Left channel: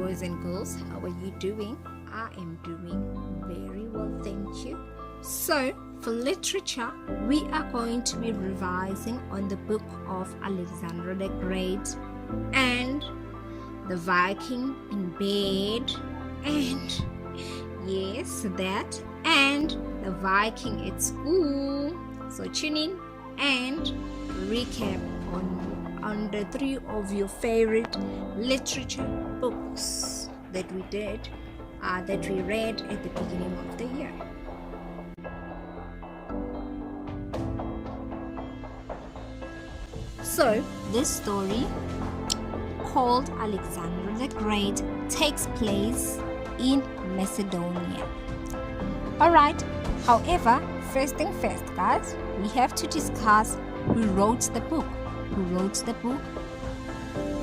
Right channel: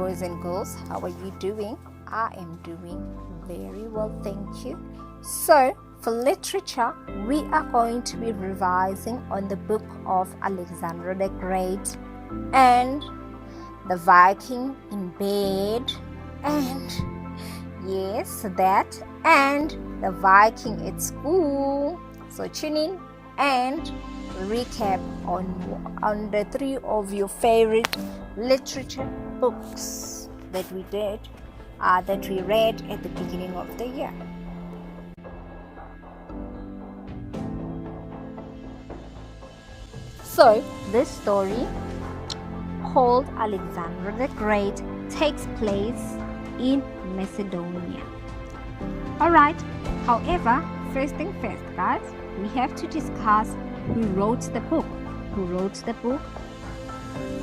boys and girls. How are you doing? I am doing very well, thank you. So, for literature, we are going to be revising on the book of Alexander the Great and the Viking in bed, and yes, that, and the Viking at school. So tune in and recap on the three of your favorite literature books that we read at the beginning of the year. So this story, called Alexander the Great, takes place in Macedonia. Alright, however, first thing first, guys, we have to discuss who wrote the book.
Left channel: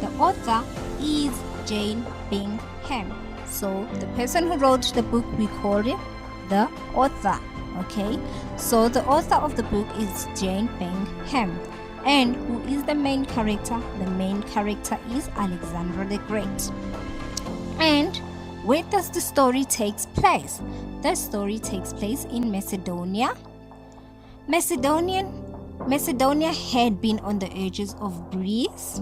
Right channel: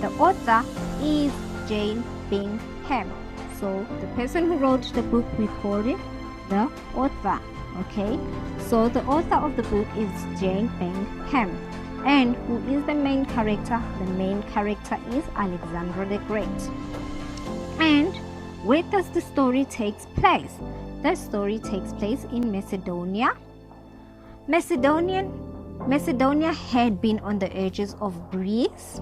The author is Jane Bingham. So the person who wrote the book, we call it the author. Okay, so the author of the book is Jane Bingham. And who is the main character? The main character is Alexander the Great. And where does the story take place? The story takes place in Macedonia. Macedonia had been on the edges of Greece.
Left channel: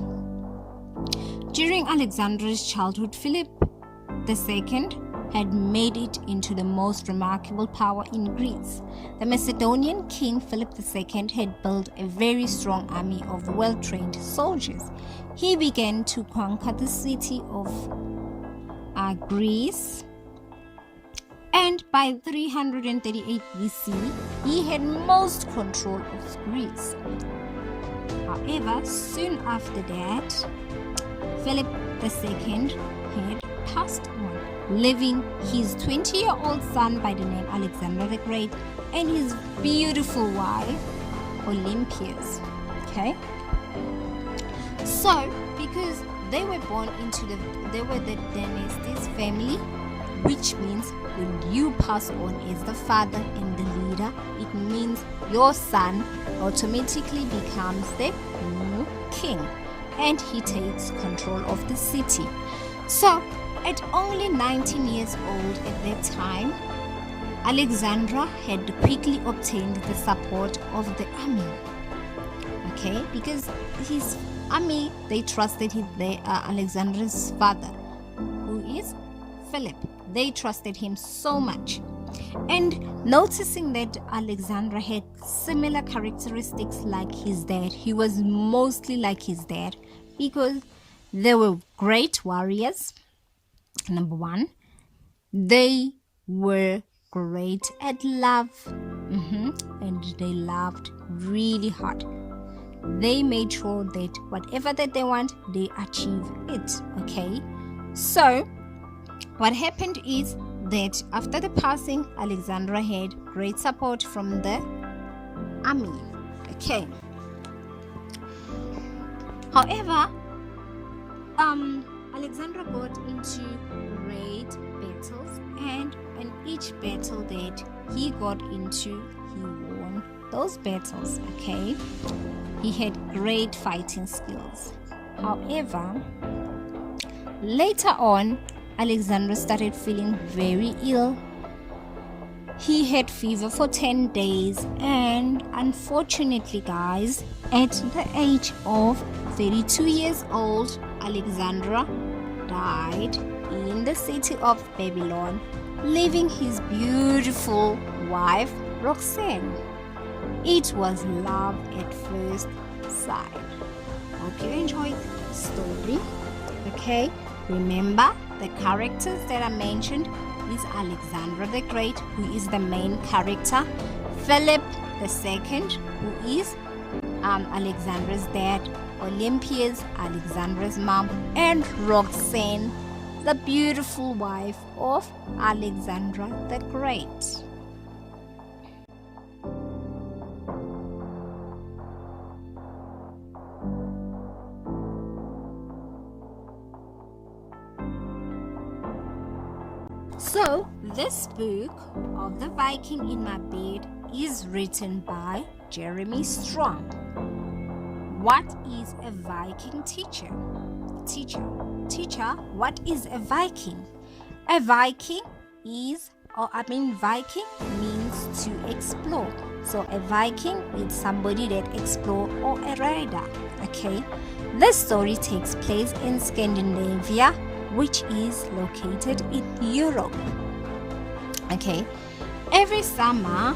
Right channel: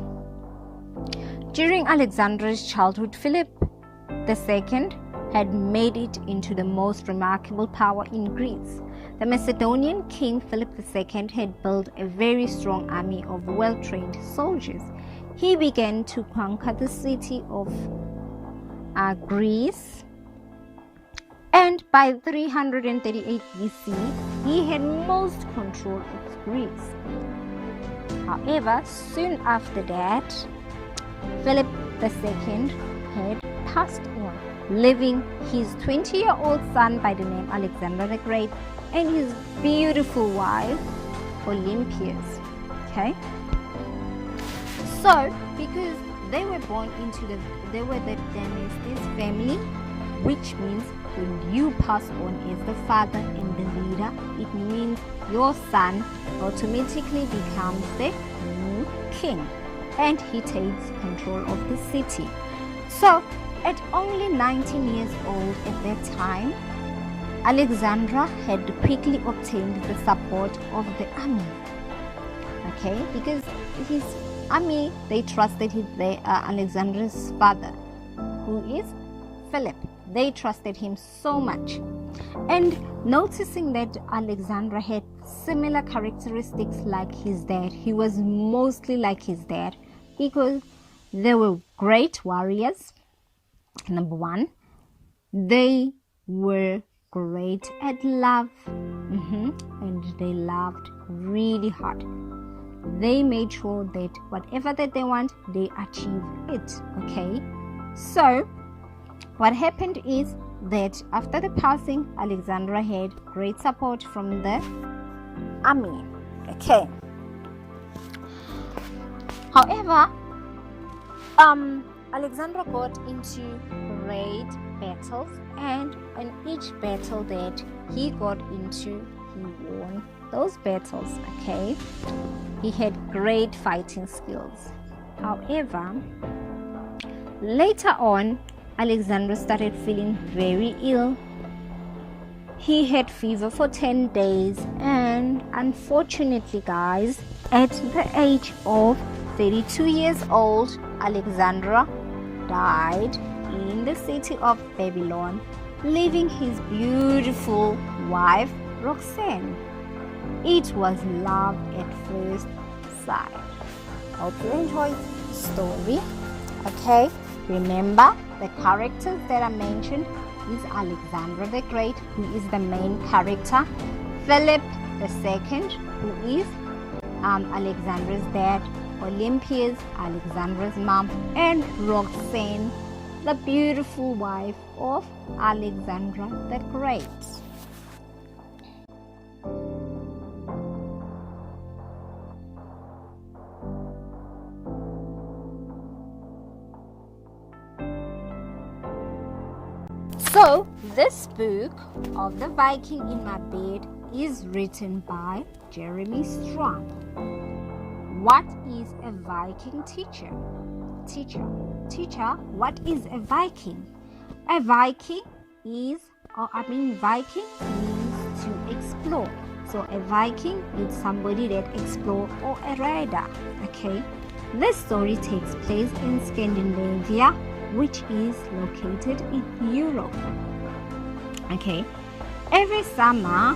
During Alexander's childhood, Philip II had made it into the most remarkable power in Greece. The Macedonian king Philip II had built a very strong army of well-trained soldiers. He began to conquer the city of Greece, and by 338 BC, he had most control of Greece. However, soon after that, Philip II had passed on, leaving his 20-year-old son by the name Alexander the Great and his beautiful wife Olympias. Okay, so because they were the dynasty's family, which means when you pass on as the father and the leader, it means your son automatically becomes the new king and he takes control of the city. So at only 19 years old at that time, Alexander had quickly obtained the support of the army. Okay, because his army, they trusted him. Alexander's father, who is Philip, they trusted him so much. And noticing that Alexander had similar characteristics like his dad, he was mostly like his dad because they were great warriors. Number one, they were great at love, and they loved really hard. They made sure that whatever that they want, they achieve it. Okay, so what happened is that after the passing, Alexander had great support from the army. Okay, however, Alexander got into great battles, and in each battle that he got into, he won those battles. Okay, he had great fighting skills. However, later on, Alexander started feeling very ill. He had fever for 10 days, and unfortunately, guys, at the age of 32 years old, Alexander died in the city of Babylon, leaving his beautiful wife Roxanne. It was love at first sight. Hope you enjoyed the story. Okay, remember the characters that I mentioned is Alexander the Great, who is the main character, Philip II, who is Alexander's dad, Olympias, Alexander's mom, and Roxanne, the beautiful wife of Alexander the Great. So, this book of The Viking in My Bed is written by Jeremy Strong. What is a Viking teacher? teacher, "Teacher, what is a Viking?" A Viking Viking means to explore. So a Viking is somebody that explores, or a rider. Okay. This story takes place in Scandinavia, which is located in Europe. Okay. Every summer,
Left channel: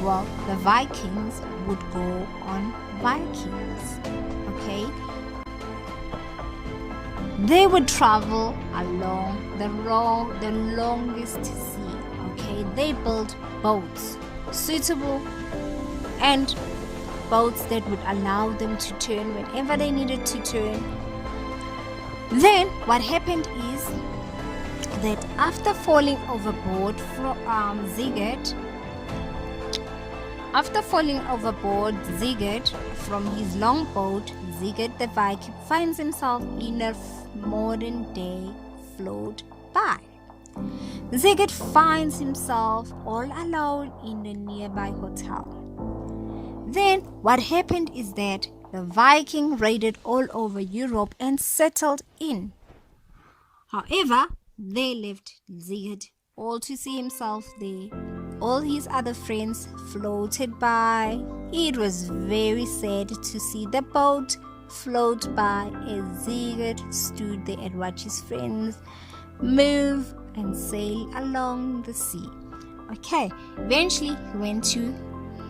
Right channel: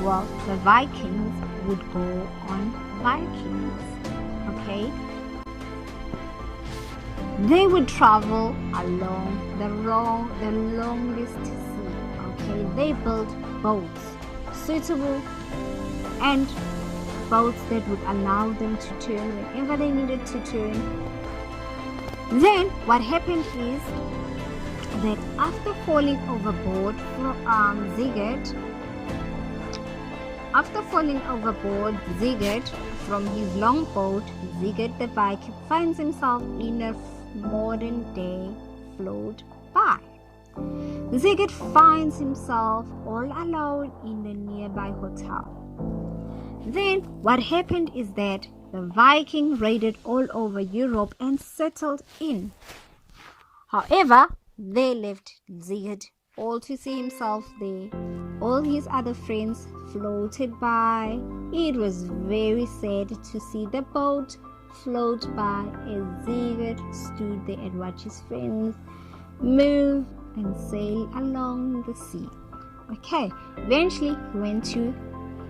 the Vikings would go on Vikings. Okay. They would travel along the longest sea. Okay. They built boats suitable and boats that would allow them to turn whenever they needed to turn. Then what happened is that after falling overboard Sigurd from his longboat, Sigurd the Viking finds himself in a modern day float by. Sigurd finds himself all alone in a nearby hotel. Then what happened is that the Viking raided all over Europe and settled in. However, they left Sigurd all to see himself there. All his other friends floated by. It was very sad to see the boat float by as Sigurd stood there and watched his friends move and sail along the sea. Okay, eventually he went to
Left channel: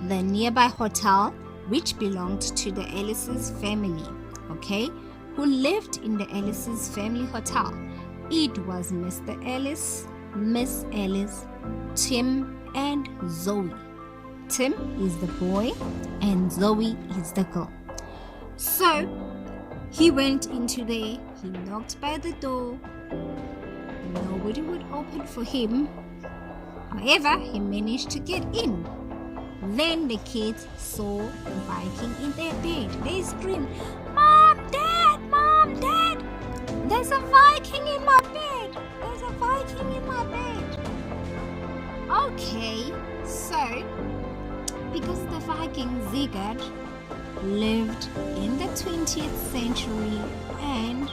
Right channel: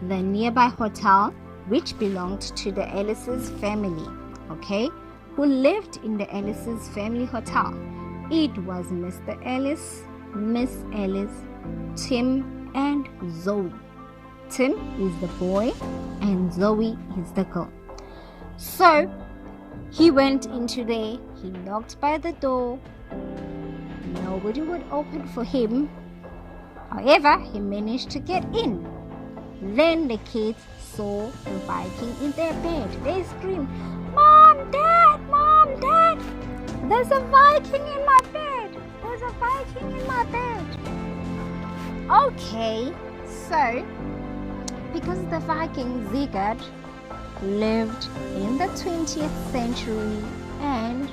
the nearby hotel, which belonged to the Ellis's family, okay, who lived in the Ellis's family hotel. It was Mr. Ellis, Miss Ellis, Tim, and Zoe. Tim is the boy and Zoe is the girl. So he went into there, he knocked by the door. Nobody would open for him. However, he managed to get in. Then the kids saw the Viking in their bed. They screamed, "Mom, Dad, Mom, Dad! There's a Viking in my bed! There's a Viking in my bed!" Okay, so because the Viking Sigurd lived in the 20th century and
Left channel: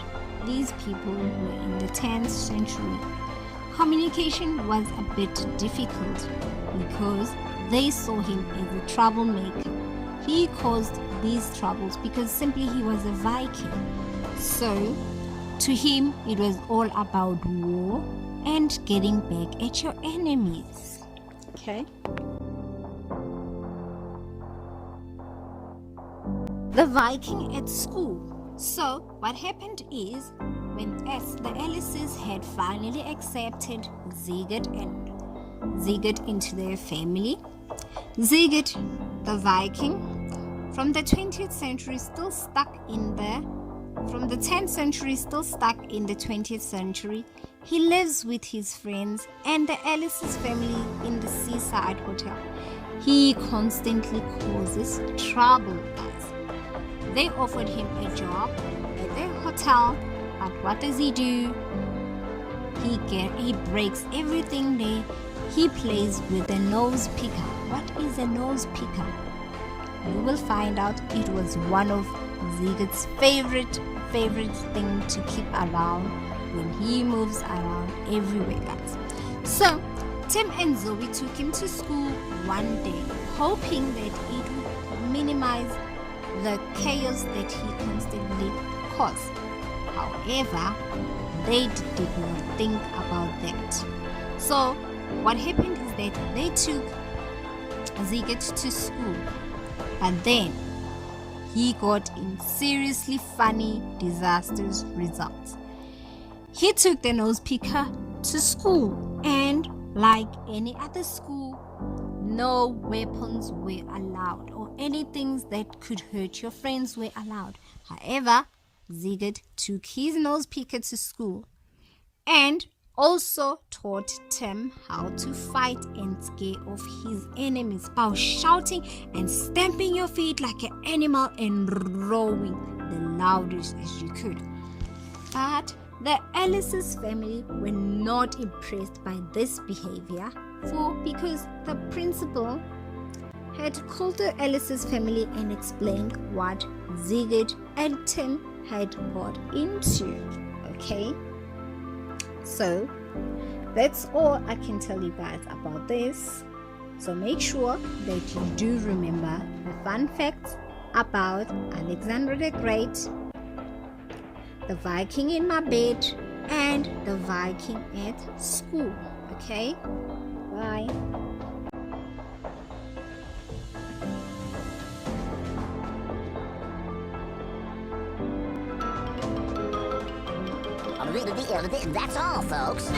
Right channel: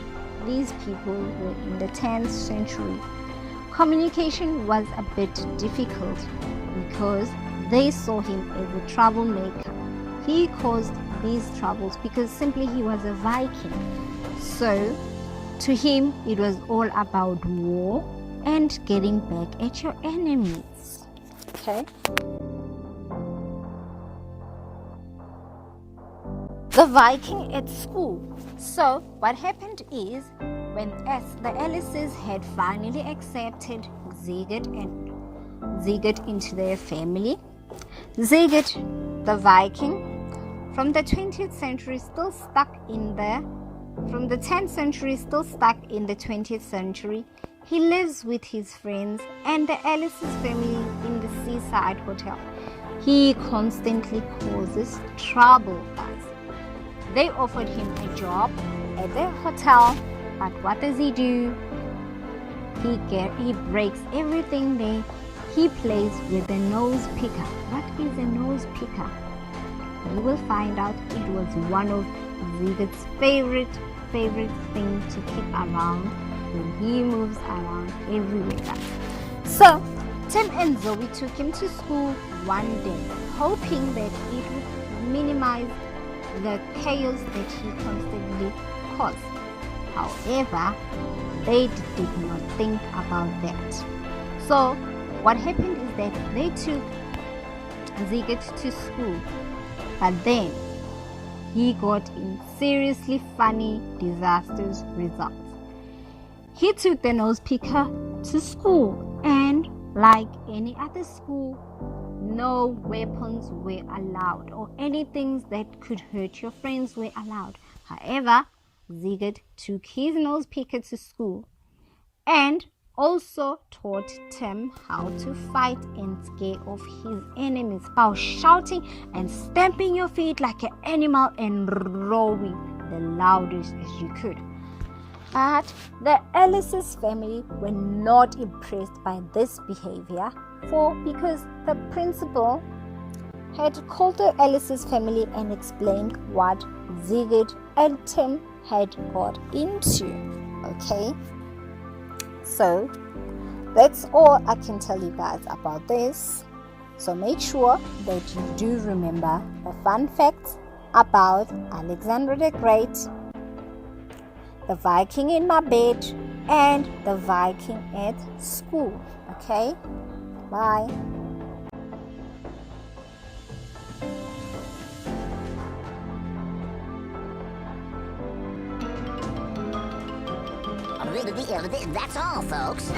these people were in the 10th century, communication was a bit difficult because they saw him as a troublemaker. He caused these troubles because simply he was a Viking. So to him it was all about war and getting back at your enemies. Okay. The Viking at school. So what happened is when the Ellises had finally accepted Sigurd into their family, Sigurd the Viking from the 20th century still stuck in the 10th century still stuck in the 20th century. He lives with his friends and the Ellises family in the seaside hotel. He constantly causes trouble, guys. They offered him a job at their hotel, but what does he do? He breaks everything there. He plays with a nose picker. What is a nose picker? You will find out. It was one of Sigurd's favorite thing to keep around when he moves around everywhere, guys. So Tim and Zoe took him to school one day, hoping that it would minimize the chaos that he constantly caused. However, they did not think about that. So what happened is that they took Sigurd to school, but then he got in seriously funny, disastrous results. He took the nose picker to school, and like any other school, no weapons were allowed or anything that could hurt your friends were allowed. However, Sigurd took his nose picker to school and also taught Tim how to fight and scare off his enemies by shouting and stamping your feet like an animal and roaring the loudest as you could. But the Ellis's family were not impressed by this behavior because the principal had called the Ellis's family and explained what Sigurd and Tim had got into. Okay, so that's all I can tell you guys about this. So make sure that you do remember the fun facts about Alexander the Great, the Viking in my bed, and the Viking at school. Okay, bye. That's all, folks.